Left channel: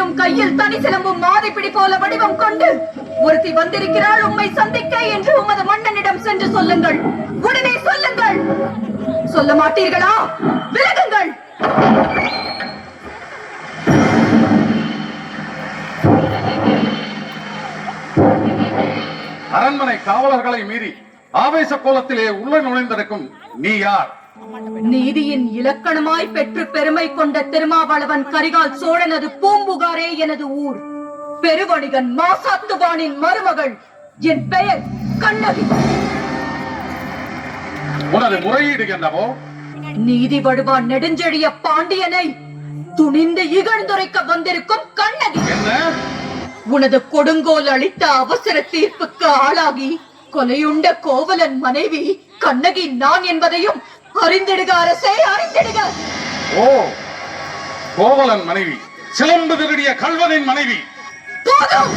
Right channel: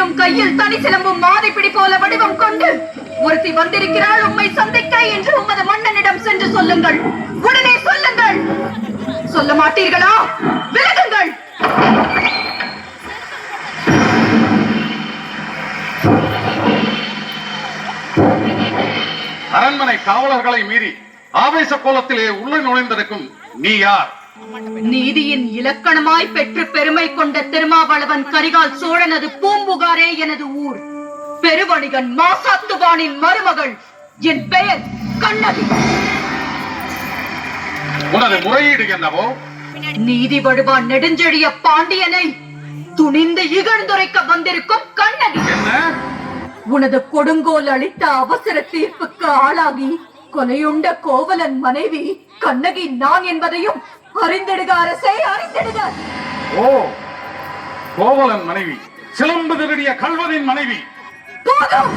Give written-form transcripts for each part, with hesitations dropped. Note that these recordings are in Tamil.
நீரும் கையில் தனி சிலம்பும் மாதிப்பிடி போல வடிவம் கொண்டு ஒருத்தி வந்திருக்கிறாள் உம்மை சந்திக்க என்று உமது மன்னனிடம் சென்று சொல்லுங்கள். உடனே சொல்லுங்கள். சொல்ல மாட்டீர்களா? விலகுங்கள். அரண்மனை காவலர்களை மீறி ஆவேச கோலத்திலே உள்ள நுழைந்திருக்கும் நீ யார்? நீதியின் இலக்கணமாய் பெற்று பெருமை கொண்ட திருமாவளவன் கரிகால் சோழனது பூம்புகாரே எனது ஊர். பெருவணிகன் மாசாத்துவானின் மருமகள். என் பெயர் கண்ணகி. உனது முறையீடு என்னவோ? நீதி வடுவான் நெடுஞ்செழிய பாண்டியனை துணிந்து இகழ்ந்துரைக்க வந்திருக்கும் கண்ணகி. என்ன? உனது கொடுங்கோல் அளித்த அவசர தீர்ப்புக்கு ஆளாகி கொலையுண்ட கோவலன் மனைவி கண்ணகி நான் என்பதையும் அறிந்திடுக அரசே, அறிந்திடுக. ஓ, கோவலன் மனைவி, சிலம்பு திருடிய கல்வனின் மனைவி. போதும்.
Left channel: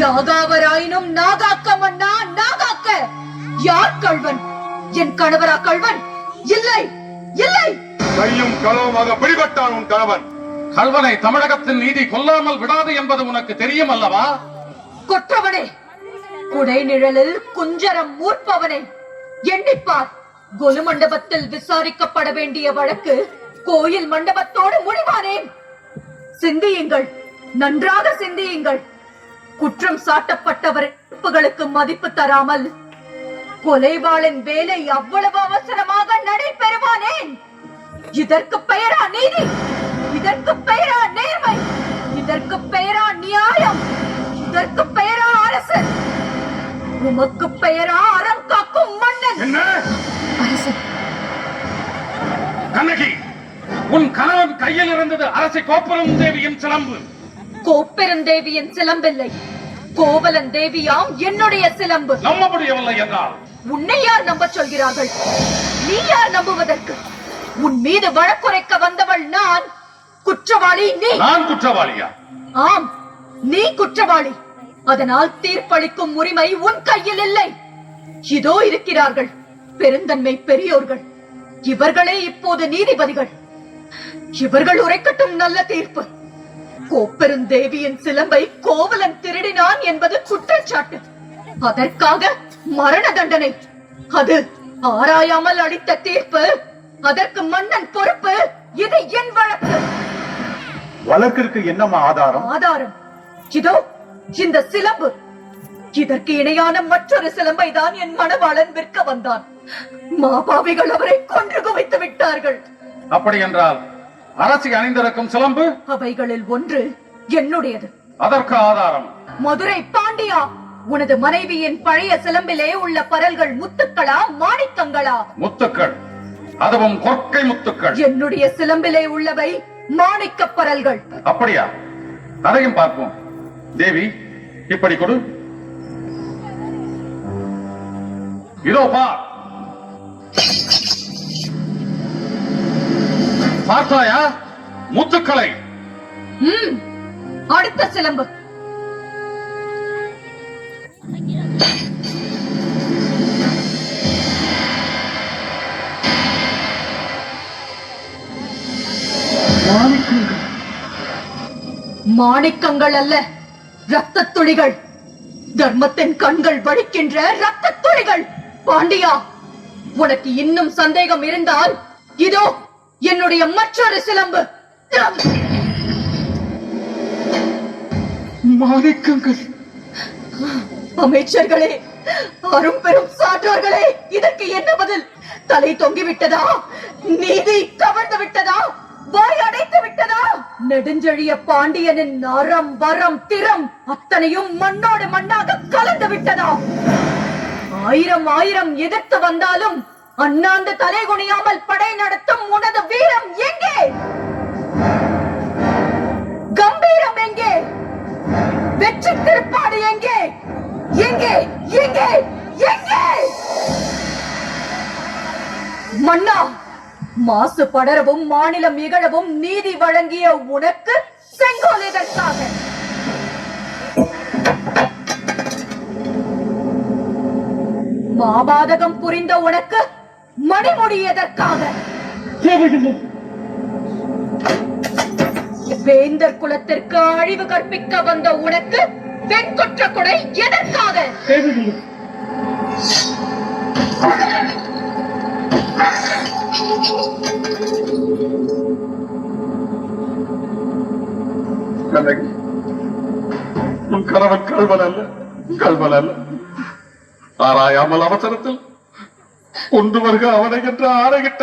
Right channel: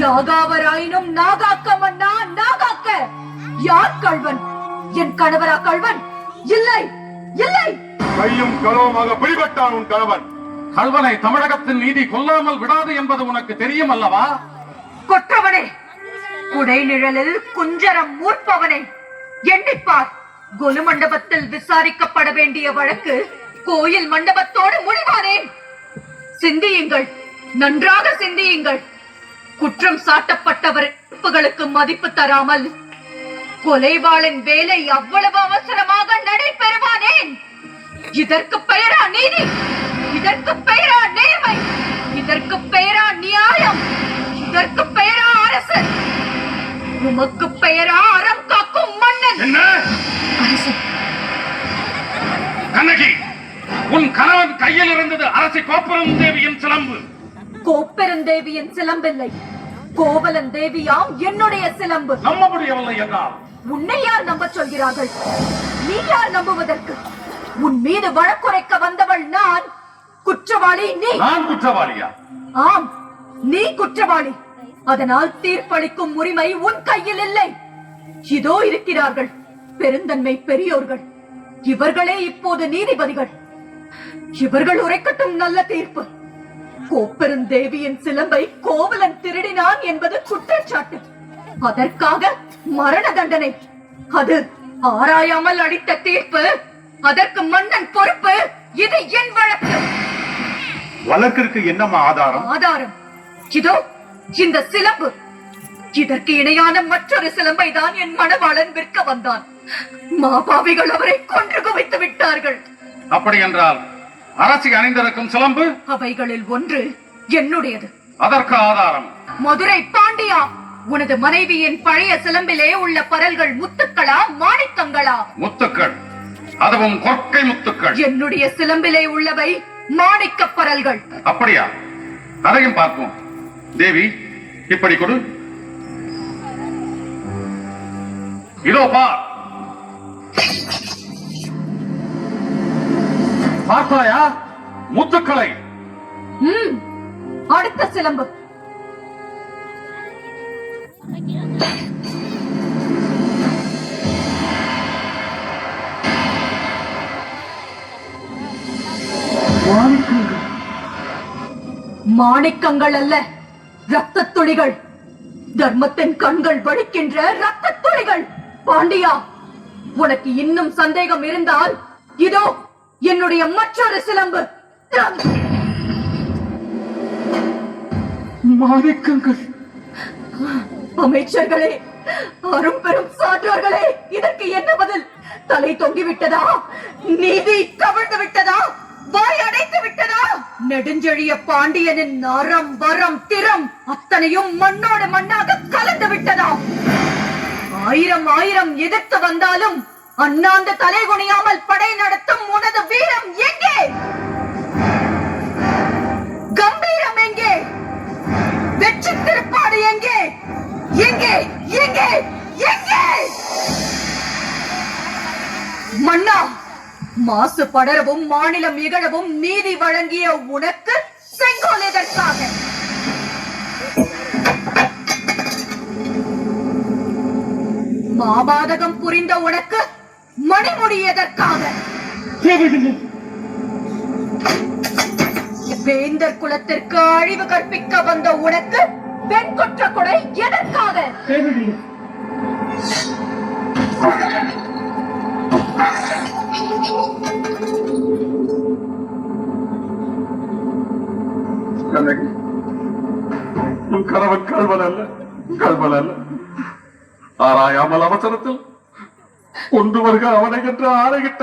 யாகாவராயினும் நாகாக்க மன்னா, நாகாக்க. யார் கல்வன்? என் கணவரா கல்வன்? இல்லை, இல்லை. கையும் களவுமாக பிடிபட்டான் உன் கணவன். கல்வனை தமிழகத்தின் நீதி கொல்லாமல் விடாது என்பது உனக்கு தெரியும் அல்லவா? கொற்றவனே, குடை நிழலில் குஞ்சரம் மூர்ப்பவனே, எண்ணிப்பார். கொலு மண்டபத்தில் விசாரிக்கப்பட வேண்டிய வழக்கு கோயில் மண்டபத்தோடு முடிவானேன். சிந்தியுங்கள், நன்றாக சிந்தியுங்கள். குற்றம் சாட்டப்பட்டவர்களுக்கு மதிப்பு தராமல் கொலைவாளின் வேலை அவ்வளவு அவசரமாக நடைபெறுவானேன். இதற்கு பெயரா நீதி? இதற்கு பெயரா நேர்மை? இதற்கு பெயரா நியாயம்? இதற்கு பெயரா அரசு? உமக்கு பெயரா அறம் காக்கும் மன்னன்? என்ன? அரசு. கண்ணகி, உன் கணவன் கையில் இருந்தது அரசி கோப்பெரும் தேவியின் சிலம்பு. கோப்பெருந்தேவியின் சிலம்பில்லை, கோவலன் தேவியாம் என்னுடைய சிலம்பு. நம்ப முடியவில்லை என்றால் உன்னை யார் நம்ப சொல்கிறார்கள்? நீ யார் நம்புவதற்கு? உன் மீது வழக்குரைக்க வந்தவள் நான். குற்றவாளி நீ. நான் குற்றவாளியா? ஆம், நீ குற்றவாளி. அதனால் தீர்ப்பளிக்கும் உரிமை உன் கையில் இல்லை. இதோ இருக்கிறார்கள் பெருந்தன்மை பெரியோர்கள். இவர்களே இப்போது நீதிபதிகள். இவர்கள் உரைக்கட்டும் நல்ல தீர்ப்பு. கோப்பெருந்தேவியின் சிலம்பை கோவலன் திருடினான் என்பது குற்றச்சாட்டு. அதற்காக மரண தண்டனை. அது ஆராயாமல் அளித்த தீர்ப்பு. அதற்கு மன்னன் பொறுப்பு. இது என் வழக்கு. வழக்கிற்கு என்னமா ஆதாரம்? ஆதாரம் இதோ இந்த சிலம்பு. இதற்கு இணையான மற்றொரு சிலம்பை தான் என் மணவாளன் விற்க வந்தான். மாபாவிகள் அவரை கொன்று குவித்து விட்டார்கள். அப்படி என்றால் அரசி அணிந்திருக்கும் சிலம்பு? அவைகளில் ஒன்று என்னுடையது. அதற்கு ஆதாரம்? மதுரை பாண்டியா, உனது மனைவியின் பழைய சிலம்பிலே உள்ள பரல்கள் முத்துக்களா மாணிக்கங்களா? முத்துக்கள், அதுவும் கொற்கை முத்துக்கள். என்னுடைய சிலம்பிலே உள்ளவை மாணிக்க பரல்கள். அப்படியா? அதையும் பார்ப்போம். தேவி, இப்படி கொடு. இதோ பார். பார்த்தாயா முத்துக்களை? அடுத்த சிலம்பு. மாணிக்கங்கள் அல்ல, ரத்த துளிகள். தர்மத்தின் கண்கள் வடிக்கின்ற ரத்த துளிகள். பாண்டியா, உனக்கு இன்னும் சந்தேகம் இருந்தால் இதோ என்னுடைய மற்றொரு சிலம்பு. மாணிக்கங்கள். அமைச்சர்களே, அரும் பெரும் சான்றோர்களே, இதற்கு என்ன பதில்? தலை தொங்கிவிட்டதா? நீதி கவிழ்ந்து விட்டதா? வாய் அடைத்து விட்டதா? நெடுஞ்செழிய பாண்டியனின் அறம் வரம் திறம் அத்தனையும் மண்ணோடு மண்ணாக கலந்து விட்டதா? ஆயிரம் ஆயிரம் எதிர்த்து வந்தாலும் அண்ணாந்து தலை குனியாமல் படை நடத்தும் உனது வீரம் எங்கே? கம்பீரம் எங்கே? வெற்றி திருப்பாடு எங்கே? எங்கே? எங்கே? எங்கே? மன்னா, மாசு படரவும் மாநிலம் இகழவும் நீதி வழங்கிய உனக்கு செங்கோல் எதற்காக? மாபாதகம் புரிந்த உனக்கு மணிமுடி எதற்காக? வேந்தர் குலத்திற்கு அழிவு கற்பிக்க வந்த உனக்கு வெண்குற்ற கொடை எதற்காக? உன் கணவன் கல்வன் அல்ல. ஆராயாமல் அவசரத்தில் கொண்டு வருக அவனை என்று ஆணையிட்ட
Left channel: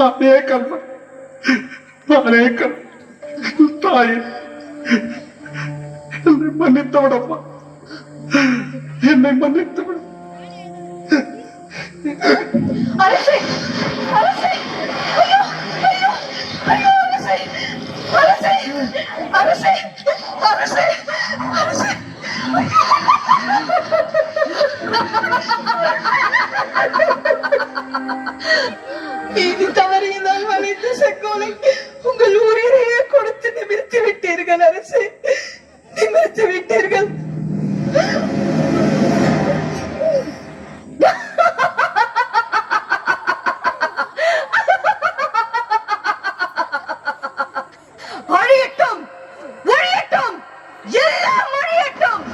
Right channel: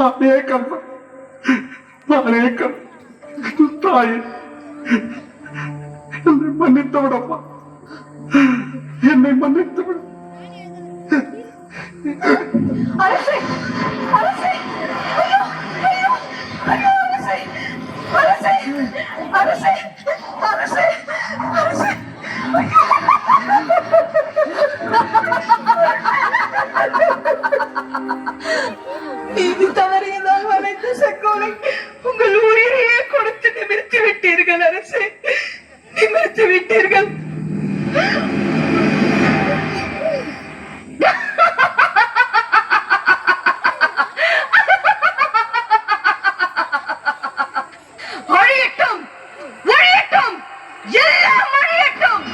நானே கல்வன். தாயே, என்னை மன்னித்து விடப்பா, என்னை மன்னித்து விட. அரசே, அரசே, ஐயோ, ஐயோ, ஐயோ, அரசே, அரசே, அரசே, அரசே, அரசே, இது தவறியதால் வளைந்த செங்கோலை உங்கள் உயிரையே கொடுத்து நிமிர்த்தி விட்டீர்கள் அரசே, நிமிர்த்தி விட்டீர்கள். அழியட்டும், ஒழியட்டும், எல்லாம் அழியட்டும்.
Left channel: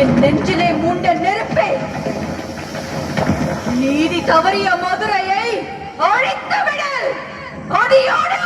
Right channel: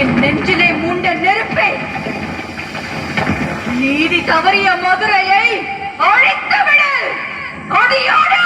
என் நெஞ்சிலே மூண்ட நெருப்பே, நீதி தவறிய மதுரையை அழித்து விடு, அடியோடு